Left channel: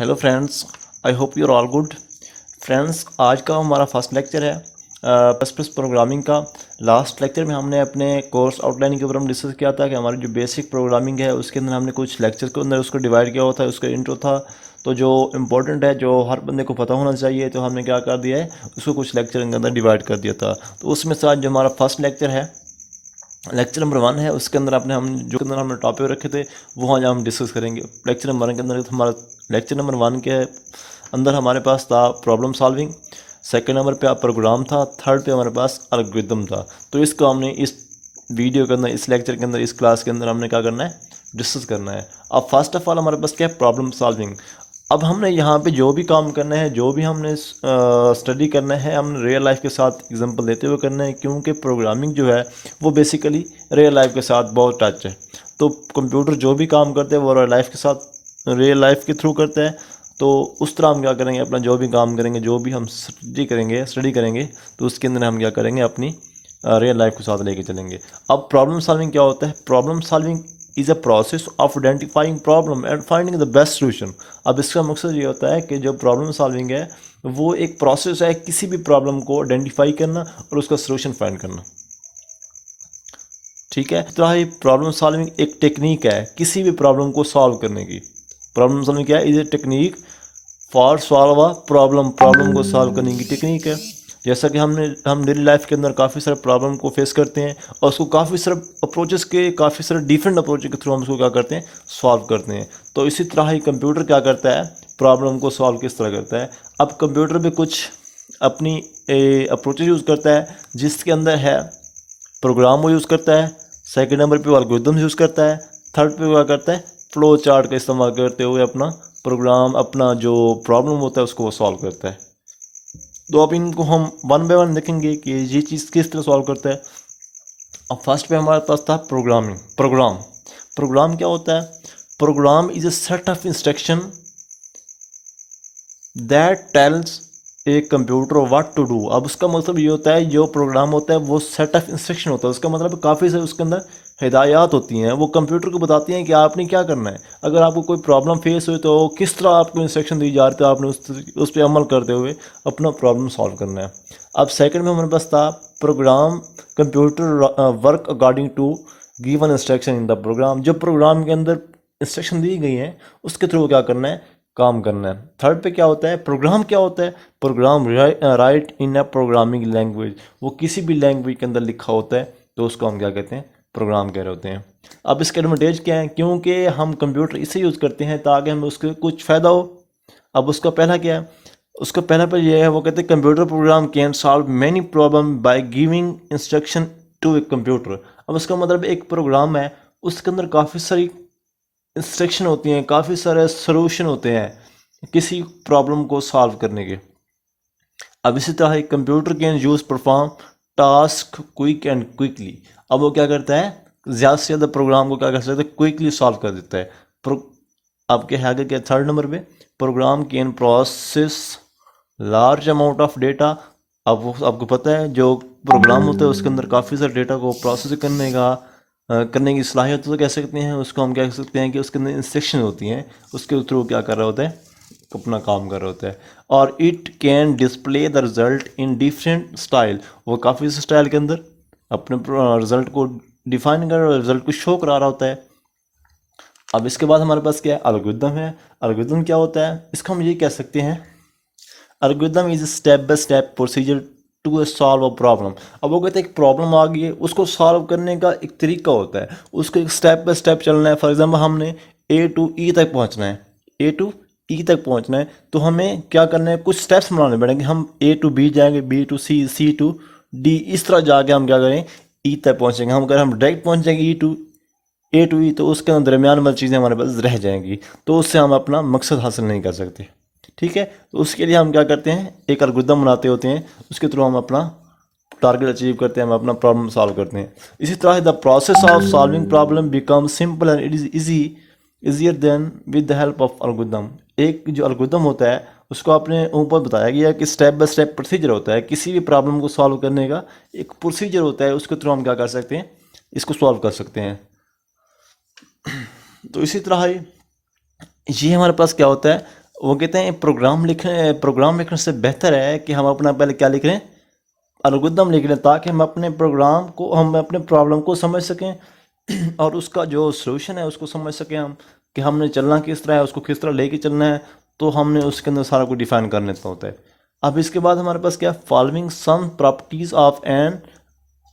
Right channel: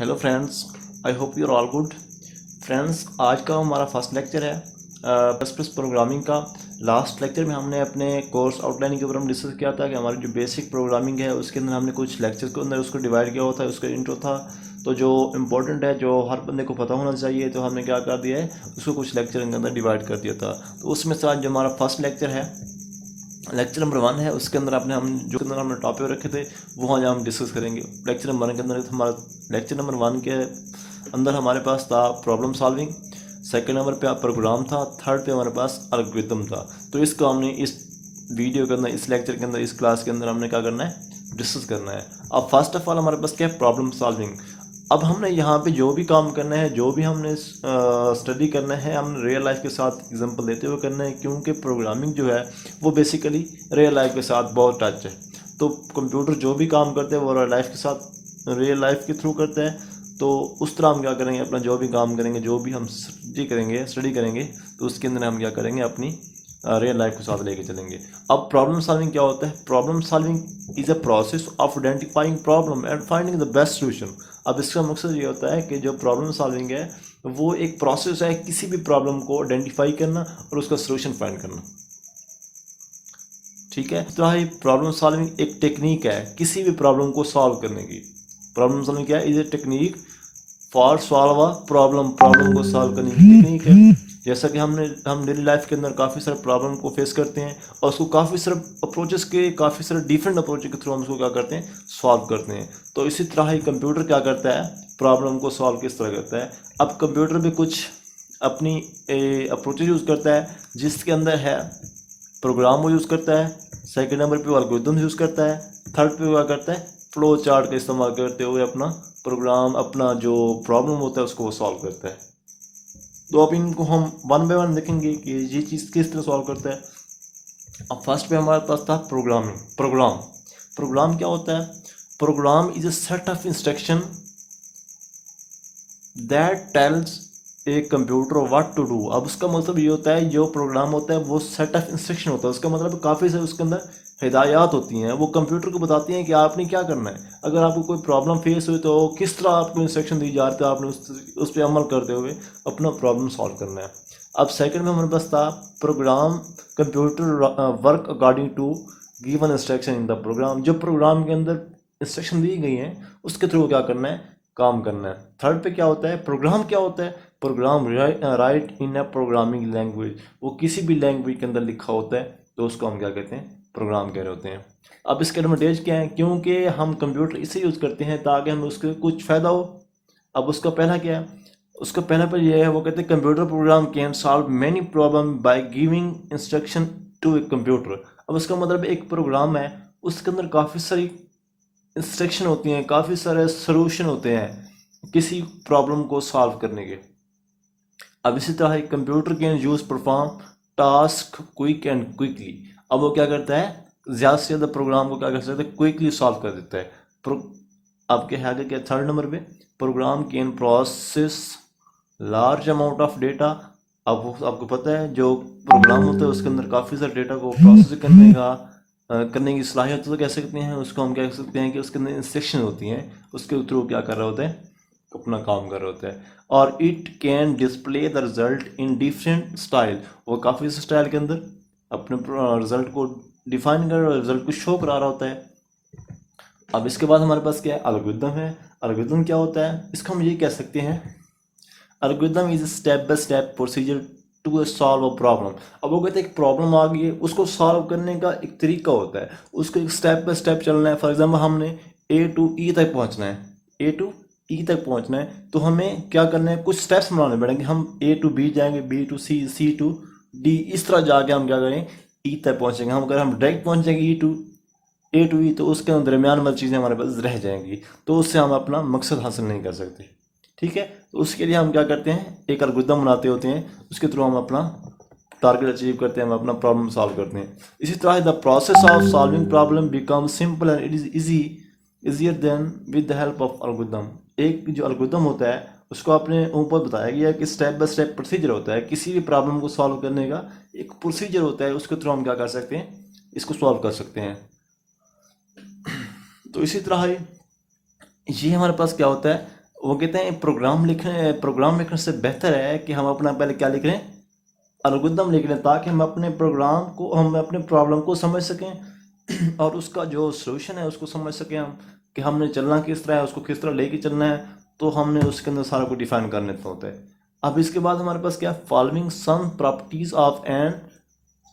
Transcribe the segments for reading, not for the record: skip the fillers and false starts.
Hello friends, I hope you are all good. Friends, आज का हमारा फर्स्ट लेक्चर है प्लस प्लस प्रोग्रामिंग का। लास्ट लेक्चर में हमने अपने कोर्स आउटलाइन के ऊपर हम डिस्कस किया था कि हमारी जो बेसिक प्रोग्रामिंग है उसके अंदर हमने कुछ लेक्चर के अंदर उसको डिवाइड किया होता है। उसका इंट्रो था, तो जो इम्पोर्टेंट है, जो हर बंदे को पता होना चाहिए, तो हमने क्या कर दिया है, उसको कुछ लेक्चर के अंदर डिवाइड कर दिया था। तो उसमें से आज जो हमारा फर्स्ट लेक्चर है, लेक्चर नंबर 1 है, उसके अंदर अपने हम जो अंदर हमने टॉपिक रखे थे वो आज हम डिस्कस करेंगे। लेक्चर नंबर 1 के अंदर हमारा लेक्चर नंबर 1 के अंदर हमारे पास था प्रॉब्लम सॉल्विंग, सेकंड नंबर पे प्रोग्राम था, थर्ड पे हमारे पास एल्गोरिथम था। तो इसको हमने इस वीडियो के अंदर, इस लेक्चर के अंदर, इस क्लास के अंदर हमने क्या करना है, डिस्कस करना है। अब फर्स्ट ऑफ ऑल हमारे पास क्या है, प्रॉब्लम सॉल्विंग। अब हमने यहाँ पे जो भी काम करना है, जो भी हमने स्टडी करना है, हमने रियल लाइफ के साथ एग्जांपल देते हुए करना है, क्योंकि प्रोग्रामिंग जो है वो बेसिकली रियल लाइफ के साथ बहुत टच है। तो कंप्यूटर जो भी काम करते हैं वो रियल लाइफ के साथ, रियल लाइफ के थ्रू करते हैं। तो उस तरह हम क्या करेंगे, अपना जो भी काम करेंगे, जो भी हम स्टडी करेंगे, तो उसके अंदर हम क्या करेंगे, अपनी रियल लाइफ के साथ लेके चलेंगे। अब प्रॉब्लम सॉल्विंग क्या होता है? Problem solving is a process of identifying problem and finding the best solution. अब इसका मकसद ये होता है कि जो प्रॉब्लम सॉल्विंग है वो एक प्रोसेस है किसी भी प्रॉब्लम को आइडेंटिफाई करना और उसका सोल्यूशन फाइंड करना। ठीक है, तो ये प्रॉब्लम सॉल्विंग एक टेक्निक है किसी भी प्रॉब्लम को सॉल्व करने की। प्रॉब्लम सॉल्विंग क्या है? Is a technique for solve a problem, problem को सॉल्व करने की टेक्निक है। जैसा कि हम डेली लाइफ के अंदर काफ़ी सारे प्रॉब्लम को फेस करते हैं और उसको काफ़ी सारे अप्रोचेस के, काफ़ी सारे डिफरेंट अप्रोच के थ्रू हम उसको क्या करते हैं, सॉल्व करते हैं। तो इसी तरह ही कंप्यूटर क्या करता है, प्रॉब्लम को सॉल्व किस तरह करता है। अब कंप्यूटर भी कुछ अपनी अप्रोचेज यूज़ करता है, जिसके अंदर है प्रोग्राम वो यूज़ करता है, सेकंड नंबर पे एल्गोरिथम यूज़ करता है, थर्ड पे क्या करता है, फ्लो चार्ट का इस्तेमाल करते हुए अपना प्रोग्राम, अपना जो प्रॉब्लम होता है उसको वो सॉल्व करता है। तो अब इनको हम वन बाय वन देखेंगे कि ये चीज़ किस तरह सॉल्व करता है। अब फर्स्ट पे हमारे पास था प्रोग्रामिंग। प्रोग्राम प्रोग्राम क्या होता है? Program is a set of instruction that tells a computer what to do. अब उसका मतलब ये होता है, जो प्रोग्राम होता है वो सेट ऑफ इंस्ट्रक्शन होता है। उसका मतलब काफ़ी सारे उसके अंदर हिदायत होती हैं, वो कंप्यूटर को बताती हैं कि आपने क्या करना है। अगर आपको कोई प्रॉब्लम फेस हुई तो किस तरह आपको इंस्ट्रक्शन दी जा रही है, आपने उस पर अमल करते हुए अपना प्रॉब्लम सॉल्व करना है। अब सेकंड में हमारे पास था program computer work according to given instruction in the program. जो प्रोग्राम के अंदर इंस्ट्रक्शन दी गई हैं उसके थ्रू क्या करना है, काम करना है। थर्ड पे क्या होता है, प्रोग्राम क्या होता है? Program write in a programming language. वो किसी भी लैंग्वेज के अंदर लिखा होता है तो उसको हम क्या कहते हैं, प्रोग्राम कह रहे होते हैं। अब इसके एडवांटेज क्या है? क्योंकि हम कंप्यूटर इसे यूज़ करते हैं ताकि हमें उसके कुछ फ़ायदा हो। अब उसका पहला क्या है? उसका पहला पर यह है, वो कहते हैं computer program can solve many problem by giving instruction to a computer. अब उसका मतलब एक प्रोग्राम है, उसके अंदर काफ़ी सारी इंस्ट्रक्शन होती हैं, काफ़ी सारे सॉल्यूशन होते हैं किसी प्रॉब्लम को सॉल्व करने के। अब इसी तरह एक computer can use perform task quick and quickly. अब वो क्या करता है, ज़्यादा से ज़्यादा प्रोग्राम को क्या कर सकता है, क्विकली सॉल्व कर देता है। आपके है आगे क्या, थर्ड नंबर पे program can process large amount of data. अब वो आपको पता है, जो प्रोग्राम होता है उसके अंदर काफ़ी सारे डेटा को प्रोसेस करने की सलाहियत तो कह सकते हैं। उसको हम कह सकते हैं कि उसके अंदर इंस्ट्रक्शन होती हैं, उसके थ्रू क्या कर रहा होता है, अपना काम कर रहा होता है। और it can display the result in different style. वो काफ़ी से स्टाइल के अंदर अपने रिजल्ट को डिफाइन कर रहा है, रिजल्ट को शो करा रहा होता है। अब इसके बाद हमारे पास क्या है, एल्गोरिथम है। एल्गोरिथम क्या होता है? इसका हम ये कह सकते हैं, algorithm is step by step procedure to solve a problem. अब वो कहते हैं एक प्रॉब्लम आ गई है, उसको सॉल्व करने का एक तरीका होता है, उसको एक स्टेप बाय स्टेप चलना है। फॉर एग्जांपल हमने ए टू ई तक पहुंचना है, ए टू ई तक पहुंचना है, तो हमें क्या करना है, कुछ स्टेप्स बनाने पड़ेंगे। हम ए टू बी जाएंगे, B to C, C to D, इस तरह जाके हम क्या करें, ई तक पहुंचेंगे। हम अगर हम डायरेक्ट पहुंचेंगे ए टू ई, तो उसके अंदर दरमियान वाली चीज़ें हमारे पास रह जाएंगी, तो उससे हम अपना मकसद हासिल नहीं कर सकते। ठीक है, तो उसके लिए हम क्या करते हैं, एक एल्गोरिथम बनाते होते हैं, उसके थ्रू हम अपना टारगेट अचीव करते हैं, हम अपना प्रॉब्लम सॉल्व करते हैं। इसी तरह the process of solving problem become simple and it is easier than with the help of algorithm. एक जो एल्गोरिथम होता है उसको आपने ऊपर बताया गया कि स्टेप बाय स्टेप प्रोसीजर होता है, किसी भी प्रॉब्लम को सॉल्व करने का एक प्रोसीजर होता है, उसके थ्रू हम क्या कर सकते हैं, इसको सॉल्व कर सकते हैं। तो इसी तरह ये हमारे पास क्या होता है, वो कहते हैं प्रोग्राम लिखने से बेहतर है कि हम अपना पहले क्या लिख रहे हैं, एल्गोरिदम लिख लें, ताकि हम अपने प्रॉब्लम को समझ सकें और उसका जो सोल्यूशन है उसको समझ सकें हम, कि हमने चलना किस तरह है, उसको किस तरह लेके चलना है। तो हमने उसके अंदर सारा कुछ डिफाइन कर लेता होता है। अब इसके बाद हमारे पास क्या, following some properties of an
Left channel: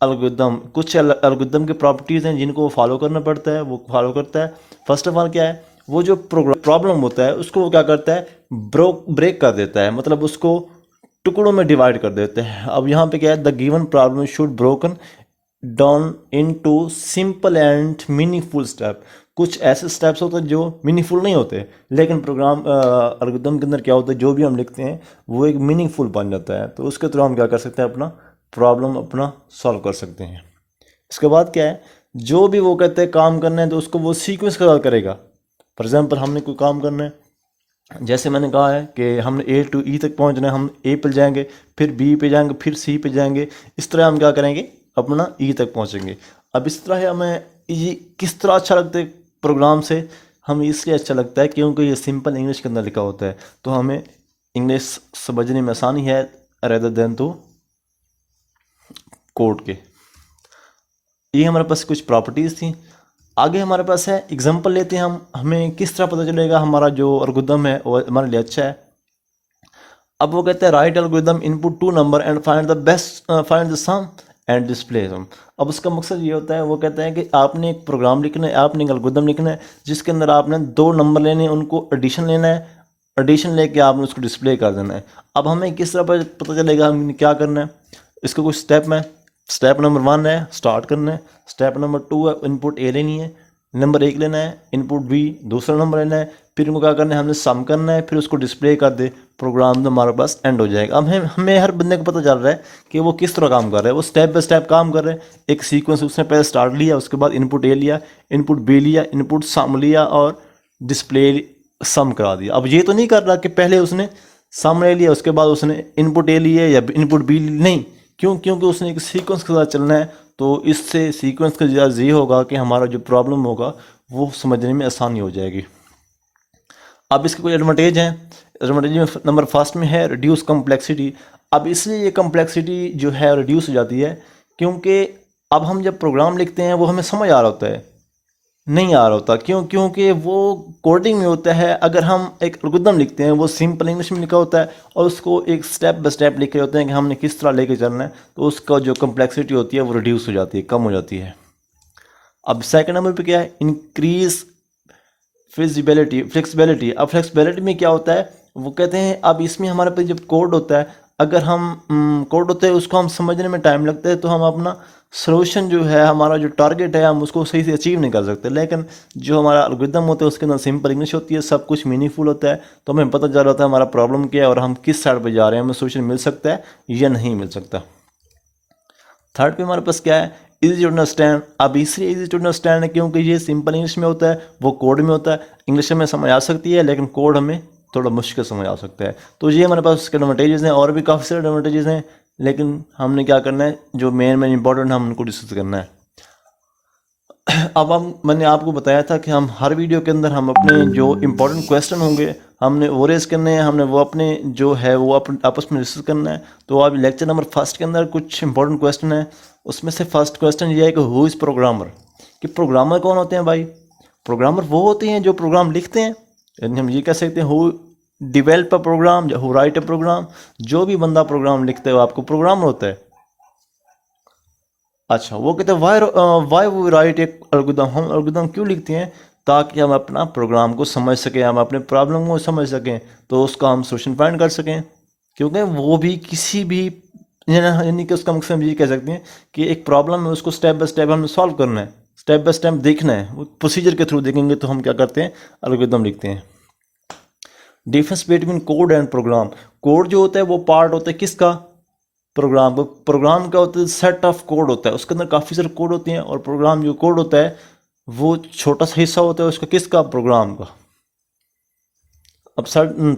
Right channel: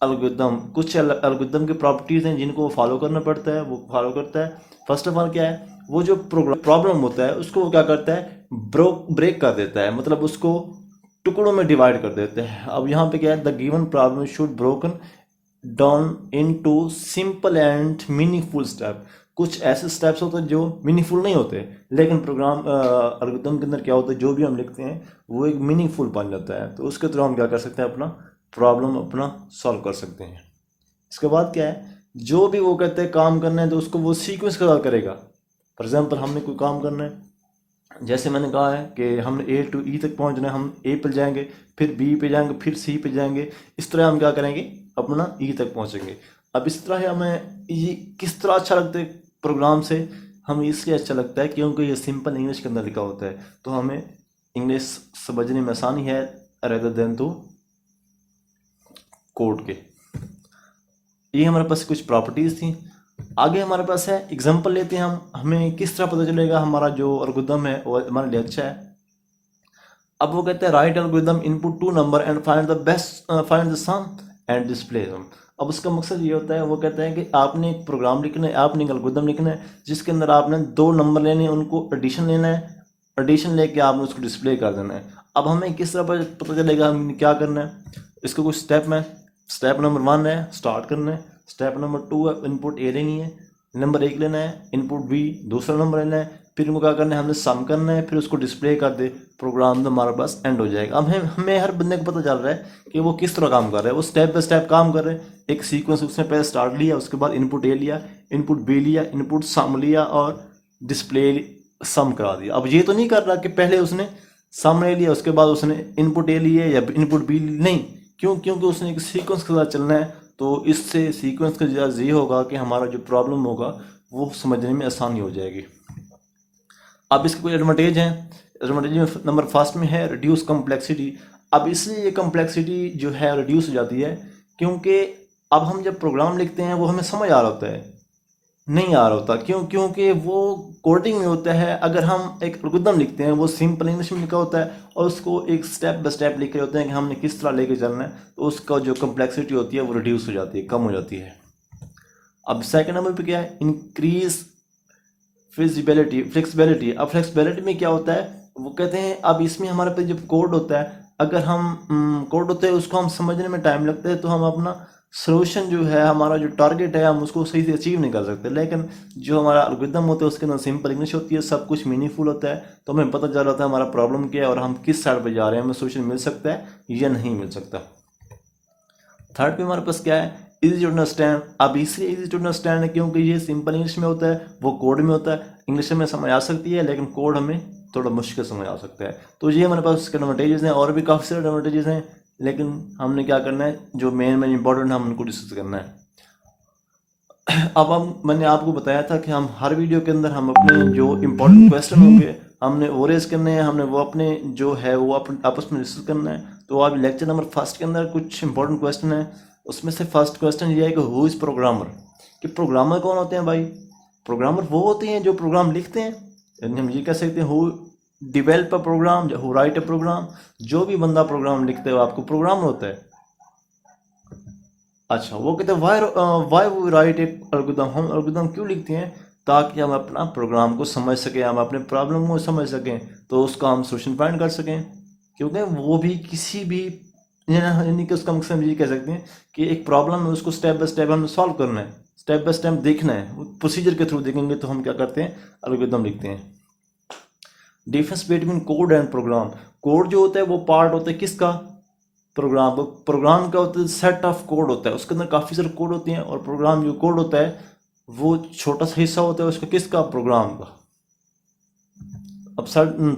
algorithm, कुछ एल्गोरिदम की प्रॉपर्टीज़ हैं जिनको वो फॉलो करना पड़ता है, वो फॉलो करता है। फर्स्ट ऑफ ऑल क्या है, वो जो प्रॉब्लम होता है उसको वो क्या करता है, ब्रेक कर देता है, मतलब उसको टुकड़ों में डिवाइड कर देते हैं। अब यहाँ पे क्या है, the given problem should broken down into simple and meaningful step. कुछ ऐसे स्टेप्स होते हैं जो मीनिंगफुल नहीं होते, लेकिन प्रोग्राम एल्गोरिथम के अंदर क्या होता है, जो भी हम लिखते हैं वो एक मीनिंगफुल बन जाता है। तो उसके थ्रू हम क्या कर सकते हैं, अपना प्रॉब्लम अपना सॉल्व कर सकते हैं। इसके बाद क्या है, जो भी वो कहते हैं काम करना है तो उसको वो सीक्वेंस के साथ करेगा। फॉर एग्जाम्पल हमने कोई काम करना है, जैसे मैंने कहा है कि हमने ए टू ई तक पहुंचना है, हम ए पे जाएंगे, फिर बी पे जाएंगे, फिर सी पे जाएंगे। इस तरह हम क्या करेंगे, अपना ई तक पहुंचेंगे। अब इस तरह हमें ये किस तरह अच्छा लगता है प्रोग्राम से, हमें इसलिए अच्छा लगता है क्योंकि ये सिंपल इंग्लिश के अंदर लिखा होता है, तो हमें इंग्लिश समझने में आसानी है रेदर देन तो कोड के। ये हमारे पास कुछ प्रॉपर्टीज़ थी। आगे हमारे पास है एग्जांपल लेते हैं हम, हमें किस तरह पता चलेगा हमारा जो एल्गोरिथम है वो हमारे लिए अच्छा है। अब वो कहते हैं write algorithm input two number and find the sum and display sum. अब उसका मकसद ये होता है, वो कहते हैं कि आपने एक प्रोग्राम लिखना है, आपने एक एल्गोरिथम लिखना है जिसके अंदर आपने दो नंबर लेने हैं, उनको एडिशन लेना है, एडिशन लेके आपने उसको डिस्प्ले कर देना है। अब हमें किस तरह पता चलेगा हमें क्या करना है, इसका कुछ स्टेप में, स्टेप नंबर 1 है स्टार्ट करना है, स्टेप नंबर 2 है इनपुट ए लेनी है, नंबर 1 लेना है, इनपुट बी दूसरा नंबर लेना है, फिर उनको क्या करना है, हमने सम करना है, फिर उसको डिस्प्ले कर दे, प्रोग्राम तो हमारे पास एंड हो जाएगा। अब हमें हर बंदे को पता चल रहा है कि वो किस तरह काम कर रहा है, वो स्टेप बाय स्टेप काम कर रहे हैं। एक सीक्वेंस उसने पहले स्टार्ट लिया, उसके बाद इनपुट ए लिया, इनपुट बी लिया, इनपुट सम लिया और डिस्प्ले सम करा दिया। अब ये तो नहीं कर रहा कि पहले उसने सम ले लिया उसके बाद उसने इनपुट ए लिए या इनपुट बी नहीं, क्यों, क्योंकि उसने एक सीक्वेंस के साथ चलना है। तो इससे सीक्वेंस का ये होगा कि हमारा जो प्रॉब्लम होगा वो समझने में आसानी हो जाएगी। अब इसके कुछ एडवांटेज हैं। एडवांटेज में नंबर फर्स्ट में है रिड्यूस कम्प्लेक्सिटी। अब इसलिए ये कम्प्लेक्सिटी जो है रिड्यूस हो जाती है क्योंकि अब हम जब प्रोग्राम लिखते हैं वो हमें समझ आ रहा होता है, नहीं आ रहा होता, क्योंकि वो कोडिंग में होता है। अगर हम एक एल्गोरिथम लिखते हैं वो सिंपल इंग्लिश में लिखा होता है और उसको एक स्टेप बाय स्टेप लिखे होते हैं कि हमने किस तरह लेके चलना है, तो उसका जो कम्प्लेक्सिटी होती है वो रिड्यूस हो जाती है, कम हो जाती है। अब सेकंड नंबर पे क्या है, इंक्रीज फ्लेक्सिबिलिटी। अब फ्लेक्सिबिलिटी में क्या होता है, वो कहते हैं अब इसमें हमारे पास जब कोड होता है, अगर हम कोड होता है उसको हम समझने में टाइम लगता है, तो हम अपना सोल्यूशन जो है, हमारा जो टारगेट है, हम उसको सही से अचीव नहीं कर सकते। लेकिन जो हमारा एल्गोरिथम होता है उसके अंदर सिंपल इंग्लिश होती है, सब कुछ मीनिंगफुल होता है, तो हमें पता चल रहा था हमारा प्रॉब्लम क्या है और हम किस साइड पे जा रहे हैं, हमें सोल्यूशन मिल सकता है या नहीं मिल सकता। थर्ड पे हमारे पास क्या है, इजी टू अंडरस्टैंड। अब इसलिए इजी टू अंडरस्टैंड है क्योंकि ये सिंपल इंग्लिश में होता है, वो कोड में होता है। इंग्लिश में समझ आ सकती है लेकिन कोड हमें थोड़ा मुश्किल समझ आ सकता है। तो ये हमारे पास उसके एडवांटेजेस हैं, और भी काफ़ी सारे एडवांटेजेस हैं, लेकिन हमने क्या करना है, जो मेन इंपॉर्टेंट है हम उनको डिस्कस करना है। अब मैंने आपको बताया था कि हम हर वीडियो के अंदर हम अपने जो इम्पोर्टेंट क्वेश्चन होंगे हमने वो रेज करने हैं, हमने वो अपने जो है वो आपस में डिस्कस करना है। तो अब लेक्चर नंबर फर्स्ट के अंदर कुछ इंपॉर्टेंट क्वेश्चन है। उसमें से फर्स्ट क्वेश्चन ये है कि हु इज़ प्रोग्रामर, कि प्रोग्रामर कौन होते हैं भाई। प्रोग्रामर वो होते हैं जो प्रोग्राम लिखते हैं, यानी हम ये कह सकते हैं हु डिवेल्प अ प्रोग्राम या हु राइट अ प्रोग्राम। जो भी बंदा प्रोग्राम लिखता है वो आपको प्रोग्रामर होता है। अच्छा, वो कहते हैं वाई वो राइट एक एल्गोरिथम, हम एल्गोरिथम क्यों लिखते हैं, ताकि हम अपना प्रोग्राम को समझ सकें, हम अपने प्रॉब्लम को समझ सकें, तो उसका हम सोल्यूशन फाइंड कर सकें। क्योंकि वो भी किसी भी यानी कि उसका मकसद हम ये कह सकते हैं कि एक प्रॉब्लम है उसको स्टेप बाय स्टेप हमें सॉल्व करना है, स्टेप बाय स्टेप देखना है, वो प्रोसीजर के थ्रू देखेंगे तो हम क्या करते हैं, एल्गोरिथम लिखते हैं। Difference between code and program. Code जो होता है वो पार्ट होता है किसका, प्रोग्राम का होता है सेट ऑफ कोड होता है, उसके अंदर काफ़ी सारे कोड होते हैं, और प्रोग्राम जो कोड होता है वो छोटा सा हिस्सा होता है उसका, किसका, प्रोग्राम का। अब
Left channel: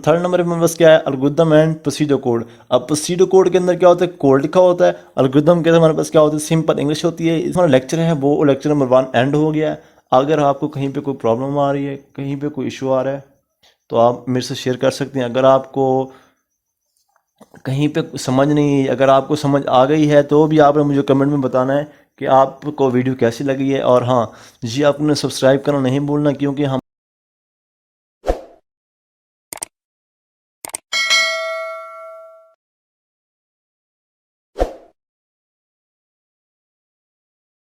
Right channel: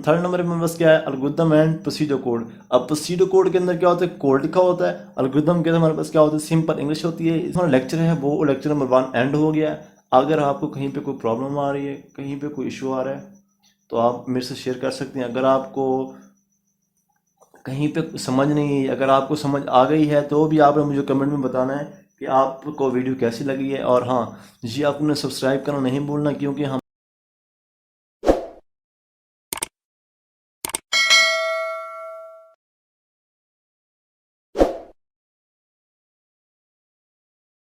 थर्ड नंबर में बस क्या है, एल्गोरिथम एंड प्रोसीजर कोड। अब प्रोसीजर कोड के अंदर क्या होता है, कोड लिखा होता है। एल्गोरिथम के अंदर हमारे पास क्या होता है, सिंपल इंग्लिश होती है। हमारा लेक्चर है वो लेक्चर नंबर 1 एंड हो गया है। अगर आपको कहीं पे कोई प्रॉब्लम आ रही है, कहीं पे कोई इशू आ रहा है, तो आप मेरे से शेयर कर सकते हैं। अगर आपको कहीं पे समझ नहीं, अगर आपको समझ आ गई है तो भी आपने मुझे कमेंट में बताना है कि आपको वीडियो कैसी लगी है। और हाँ जी, आपने सब्सक्राइब करना नहीं भूलना, क्योंकि हम